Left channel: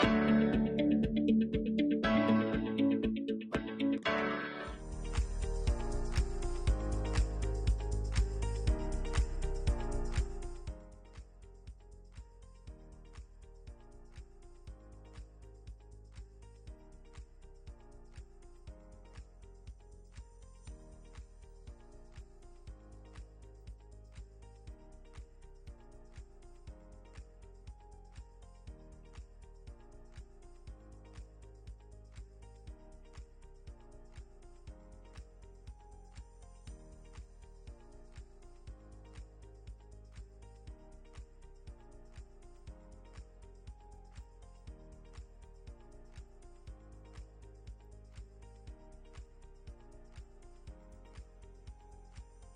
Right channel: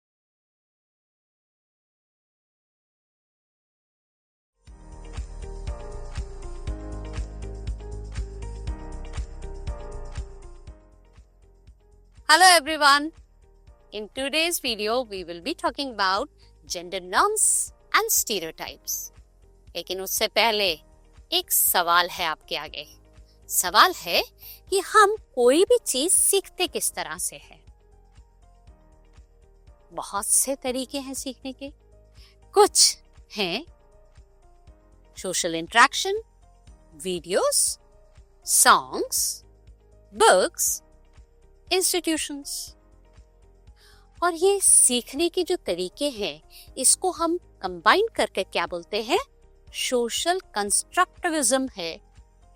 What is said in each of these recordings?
Hello everyone. In today's video, we will be talking about gender norms and stereotypes. लेकिन उससे पहले एक सवाल है आपके आगे। सवाल है कि हम कोई भी चीज सीखते किस तरह से है। बहुत से तरीके हैं सीखने के। कुछ हैं social interaction, videos, songs, books, institutions. और ये सीखने के जो तरीके हैं, इसको हम कंबाइन करके क्या बोलते हैं? सोशल कंस्ट्रक्टिविज्म है,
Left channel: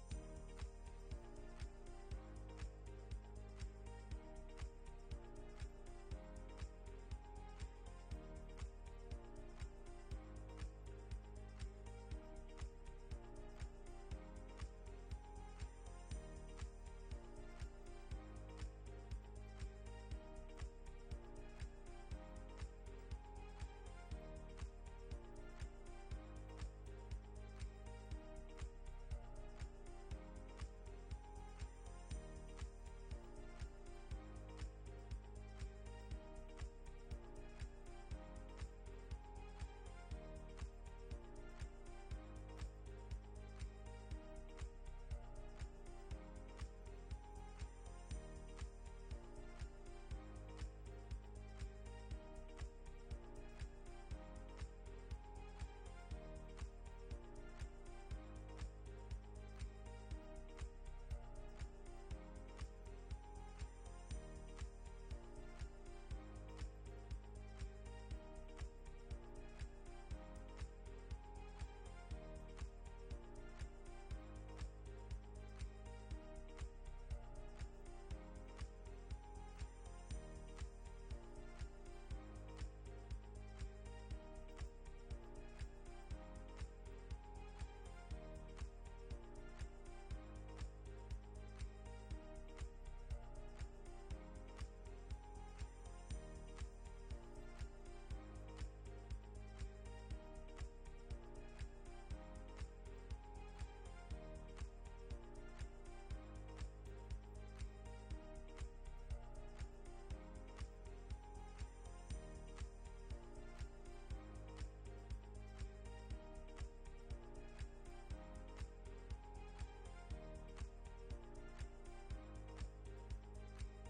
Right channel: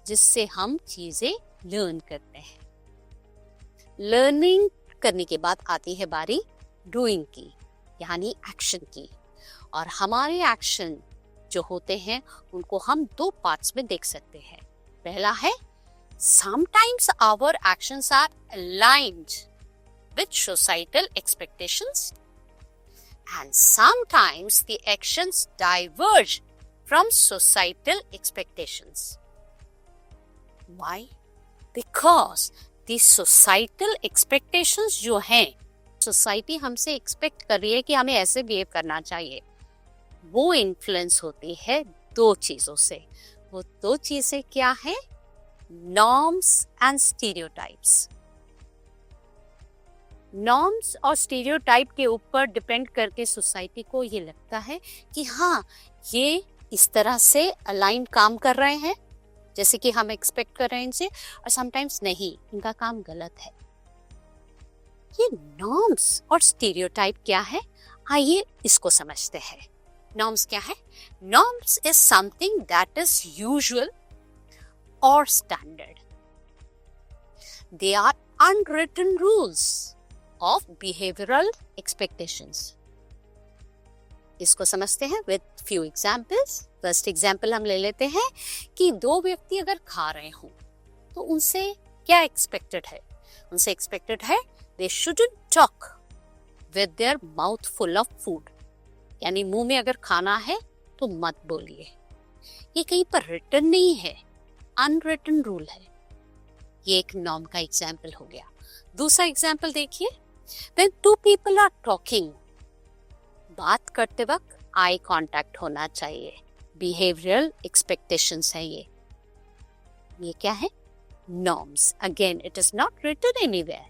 जिससे हम चीजें लर्न करते हैं। लर्निंग करने के बाद आती है बारी डूइंग की, यानी एक्शन की। और हमारे एक्शन जो होते हैं उनको हम दो पार्ट्स में देख सकते हैं। पहला है sometimes our actions are aligned with societal expectations and sometimes the actions diverge from societal expectations. Why? Because the societal expectations जो हैं, सोसाइटी हमसे एक्सपेक्ट कर रही है कि हमें ऐसे बिहेव करना चाहिए, वो इन्फ्लुएंस होती है दो चीजों से। वो दो चीजें क्या है? Norms and stereotypes. Norms और stereotype के ऊपर डिपेंड करके सोसाइटी को ये लगता है कि हाँ, ये इस तरह से अलाइन काम कर रहे हैं जैसे कि हम एक्सपेक्ट कर रहे हैं इनसे, और समटाइम्स नहीं, इनका काम गलत है। ये नॉर्म्स और स्टीरियोटाइप क्या है, आइए इसको समझते हैं। नॉर्म्स क्या है? Norms is something that is usual or standard. They are unwritten rules of behavioral expectations. इसको समझते हैं with few examples. First example हम ले लेते हैं कि दो व्यक्ति अगर खा रहे हों तो उनसे क्या expected है? उनसे expected है they shouldn't talk with their mouth full of food. यानी मुंह में अगर खाना है तो मत बोलिए। ये कहीं पर written नहीं है, अनरिटन रूल है। ये एक नॉर्म का एग्जाम्पल हो गया। दूसरा एग्जाम्पल देखिए, when two people are talking, बात करते वक्त आई कांटेक्ट होना चाहिए। बिहेवियरल एक्सपेक्टेशंस है ये क्या है? Norms. Again it is not written anywhere.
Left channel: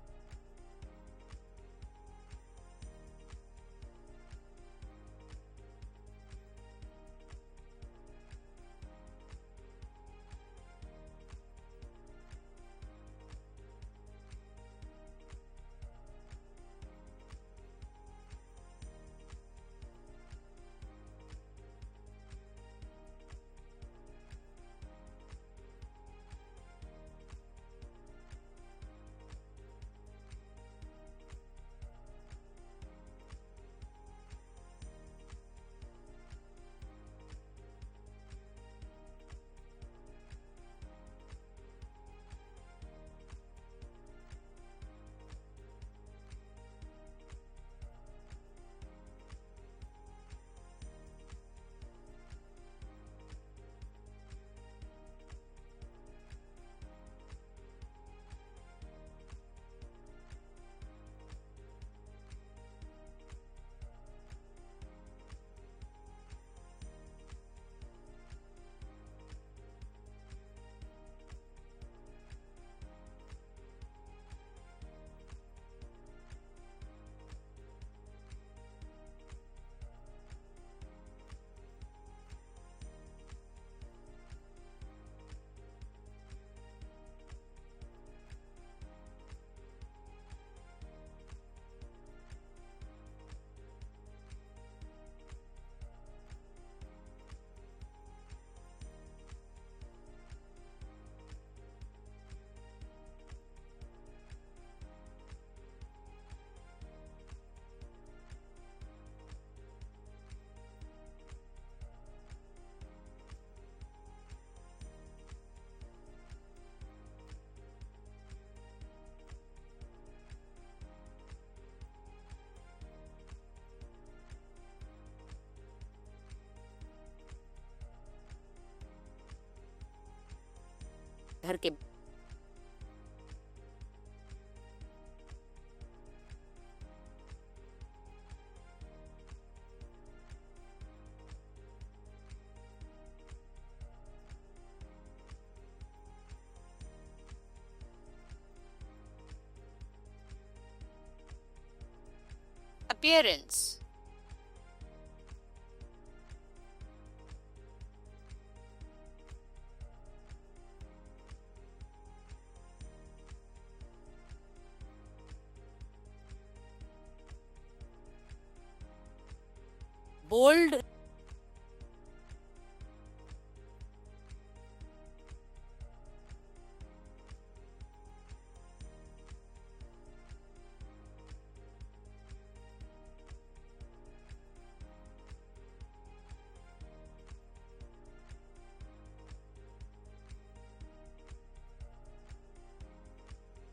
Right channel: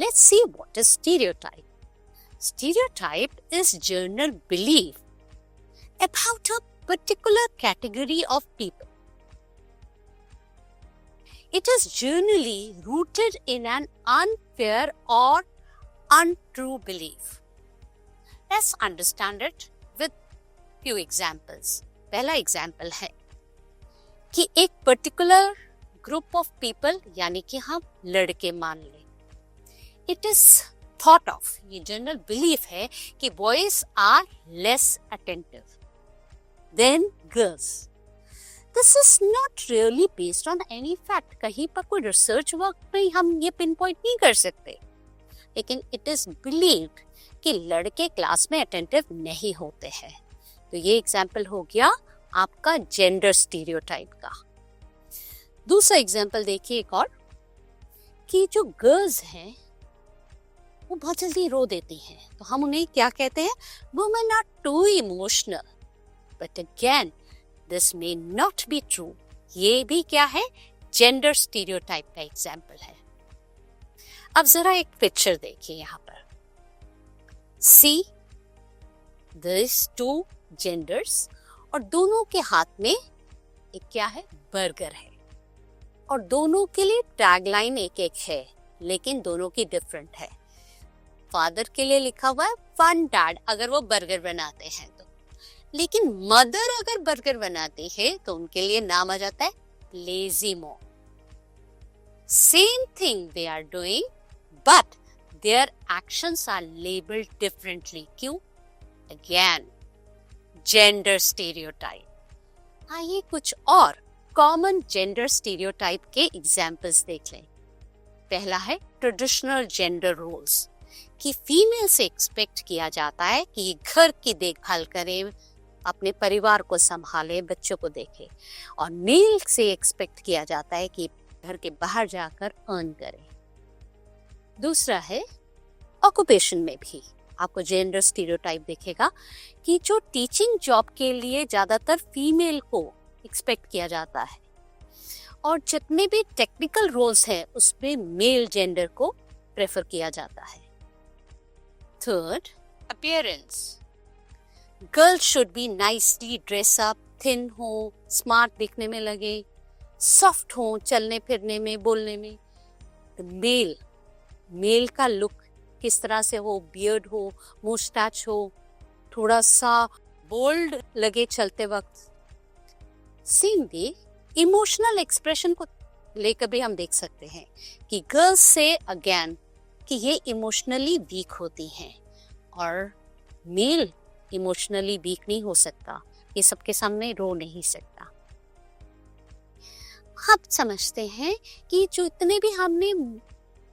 Let's see what is stereotype. Stereotype is general belief about a particular category of people. It is generally rooted in an unfair or untrue belief. Let's understand it with few examples. पहला example है कि एक particular group of people, यानी कि हम लड़के मान लें, इट इज थॉट ऑफ, ये जनरल बिलीफ है कि boys are less attentive than girls. This is not really based on any fact. कहीं पर कोई रिसर्च वर्क में हम ये पिन पॉइंट नहीं कर सकते, लेकिन इट इज बिलीव्ड कि लड़के क्लास में अटेंटिव नहीं होते हैं. तो ये एग्जाम्पल हो गया आपका जेंडर स्टीरियोटाइप का. दूसरा एग्जाम्पल देखिए एक और, कि जो गर्ल्स हैं वो बहुत जल्दी रो देती हैं, तो हम उन्हें क्या कहते हैं? Women are too emotional. But again this may not be true. ये भी क्या है? जेंडर स्टीरियोटाइप का एग्जाम्पल है. अब जरा एक पिक्चर देखिए यहाँ पर. सी दिस टू जेंडर्स, और दोनों के हाथ में एक क्या है? बर्गर है, और दोनों के लिए टैगलाइन एक एक है, लेकिन दोनों की डिफरेंट है. फादर के लिए लिखा हुआ है फन डैड, अगर वो बर्गर बनाते हैं तो, लेकिन मदर अगर बर्गर बनाती है तो उनके लिए नाम आ जाता है lazy mom. Same thing they are doing, but their actions are labelled differently. क्यों? Again gender stereotype. आइए कुछ और कॉमन जेंडर स्टीरियोटाइप के एग्जाम्पल्स देख लें. पहला है ट्रेडिशनल जेंडर रोल्स. कि फीमेल से एक्सपेक्ट किया जाता है कि घर की देखभाल करे, अपने परिवार को संभाले, बच्चों को देखे, और मेल से एक्सपेक्ट किया जाता है कि घर के बाहर जाकर अर्न करे। दूसरा है ऑक्यूपेशन में भी आपको जेंडर स्टीरियोटाइप दिखेगा कि जो टीचिंग जॉब के लिए ज्यादातर फीमेल को एक्सपेक्ट किया जाता है, और जितने भी टेक्निकल रोल्स हैं उसमें मेल जेंडर को प्रेफर किया जाता है। Third, appearance. Girls should be nicely dress up, thin हो, स्मार्ट दिखने में लगे, सॉफ्ट हो चलने फिरने में, बोलने में। मेल का लुक किस तरह से हो, बियर्ड हो, मुस्टैच हो, थोड़ा सा बोल्ड लगे चलते वक्त। सेम वे इमोशनल एक्सप्रेशन को लेकर भी हम देख सकते हैं कि गर्ल्स से अगेन कि ये इमोशनली वीक होती हैं, और मेल इमोशनली वीक नहीं हो सकता, ये सबके सामने रो नहीं सकता। अब समझते हैं कि जो इतने भी हमने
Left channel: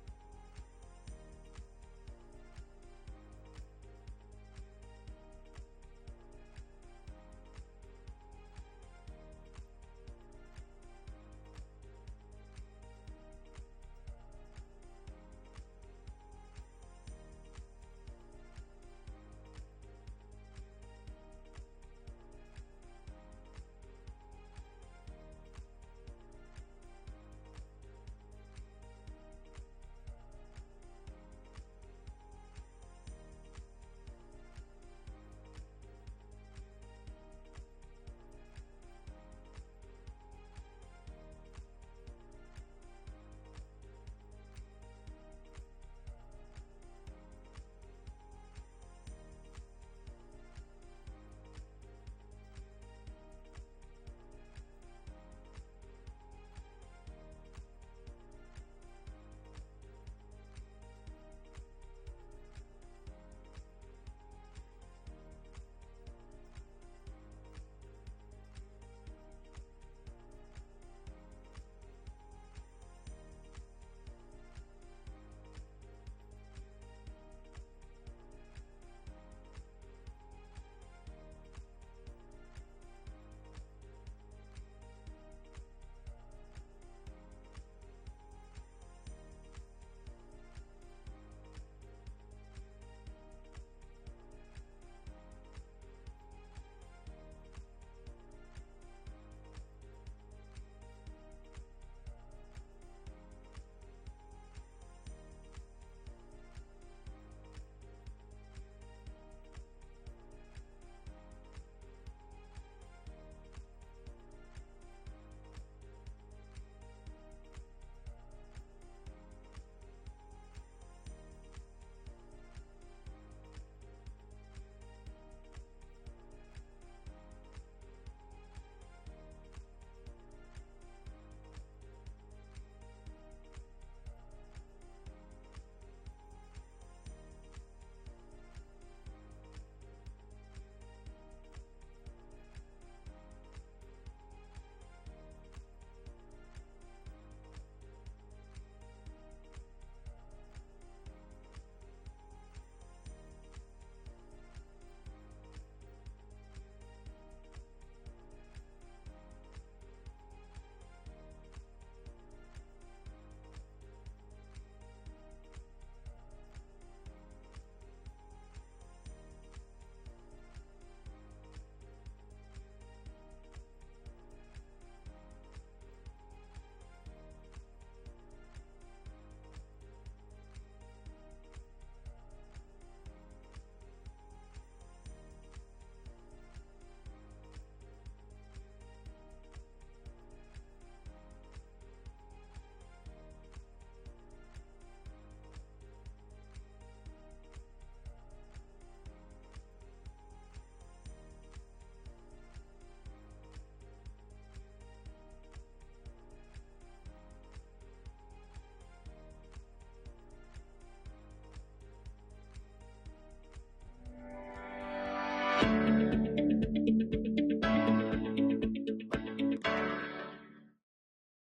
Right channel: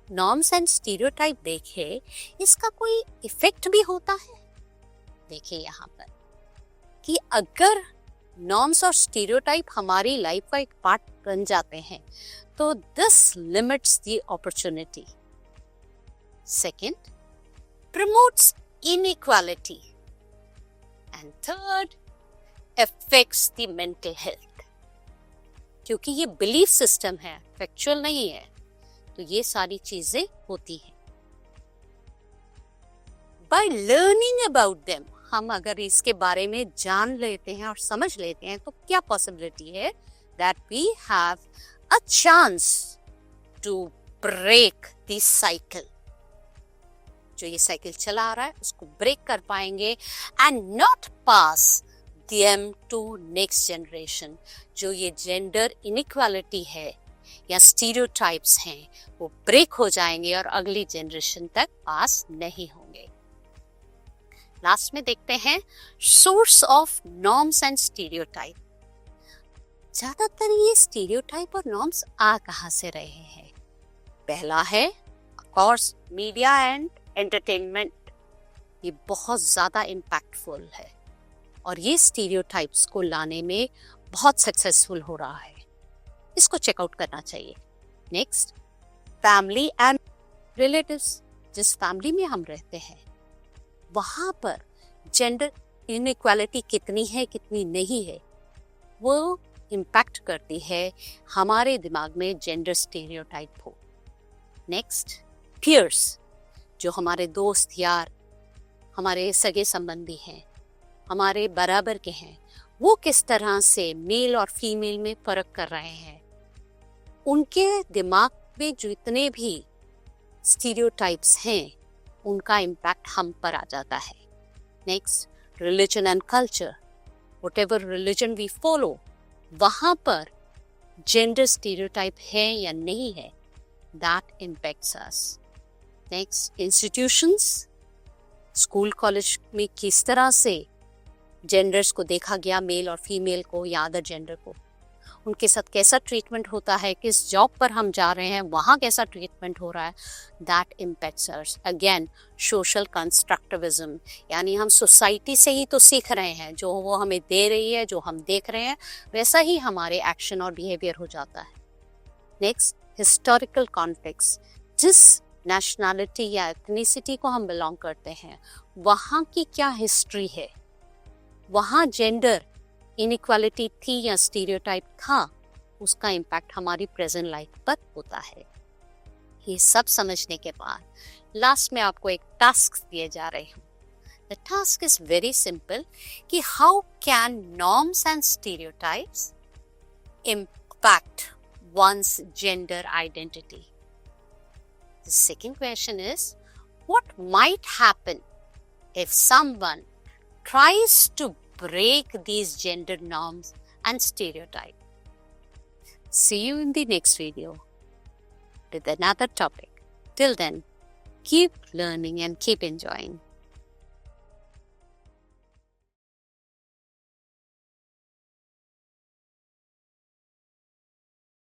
नॉर्म्स एंड स्टीरियोटाइप देखे, इसका कोई इफेक्ट भी होता है। देखिए यहाँ पर कि अगर नॉर्म्स और स्टीरियोटाइप हमारी लाइफ का एक पार्ट बन जाते हैं तो this limits the opportunity. Second, promotes inequality, and third, affects the mental health. क्योंकि ये बिलीफ सिस्टम है, फैक्चुअल नहीं है, तो ये सारी चीजें होती हैं। बाय लर्निंग अबाउट देम, हम अगर इसके बारे में जान लेते हैं और समझ लेते हैं तो क्या पॉसिबिलिटी है that we have a chance to break this cycle. जो ये साइकिल चला आ रहा है उसको ब्रेक कर पाएंगे and not pass them to next generation. जो ये जेंडर इनइक्वालिटी है या स्टीरियोटाइप्स हैं वो ब्रेक हो जाएंगे और अगली जनरेशन तक पास नहीं होंगे। लास्ट में देखते हैं source of norms and stereotype. ज्यादातर ये स्टीरियोटाइप और नॉर्म्स आ कहां से रहे हैं? पहला है of course media and entertainment. ये बहुत ज्यादा इम्पैक्टफुल है और ये स्टीरियोटाइप्स को लाने में बहुत सक्सेसफुल हो रहा है, इसको चेकआउट करना चाहिए। Next, family and relatives. जिस फैमिली में हम रहते हैं वहां पर जेंडर इनइक्वालिटी कितनी है कितनी नहीं है वो इम्पैक्ट करती है हमारे दिमाग में जेंडर स्टीरियोटाइप हो। Next, peers. जो हमारे दोस्त यार, हमारे सगे संबंधी हैं, हमारे बराबर के हैं, वो किस तरह से मेल और फीमेल में फर्क कर रहे हैं, उनके दिमाग में जितने भी स्टीरियोटाइप्स हैं उनका इम्पैक्ट हम पर आ जाता है। Next, religion and culture. Whatever religion we follow वहां पर जेंडर स्टीरियोटाइप है या नहीं है, that impacts us. Next, institutions. School college में किस तरह से जेंडर्स को देखा गया, मेल और फीमेल को या अदर जेंडर को, उनके साथ कैसा ट्रीटमेंट होता है, किस जॉब पर हम जा रहे हैं वहाँ कैसा ट्रीटमेंट हो रहा है, that impacts us. Again social constructivism, यानी हम सोसाइटी से ही तो सीख रहे हैं, जो वो हमें दे रही है, जो हम देख रहे हैं वैसा ही हमारे एक्शन और बिहेवियर हो जाता है। Next, historical context. जिस नेशनैलिटी या एथनिसिटी को हम बिलोंग करते हैं वहाँ की क्या हिस्ट्री है, वहाँ जेंडर इनइक्वालिटी थी या स्टीरियोटाइप था, उसका इम्पैक्ट हमारी प्रेजेंट लाइफ पर होता है। ये सब समझने के बाद लास्ट में आपको एक टास्क दिए जा रहे हैं। The task is very simple कि how can norms and stereotypes impact one's gender identity. The second question is, what might happen if someone tries to break these gender norms and stereotypes? See you in the next video with another topic. Till then, keep learning and keep enjoying.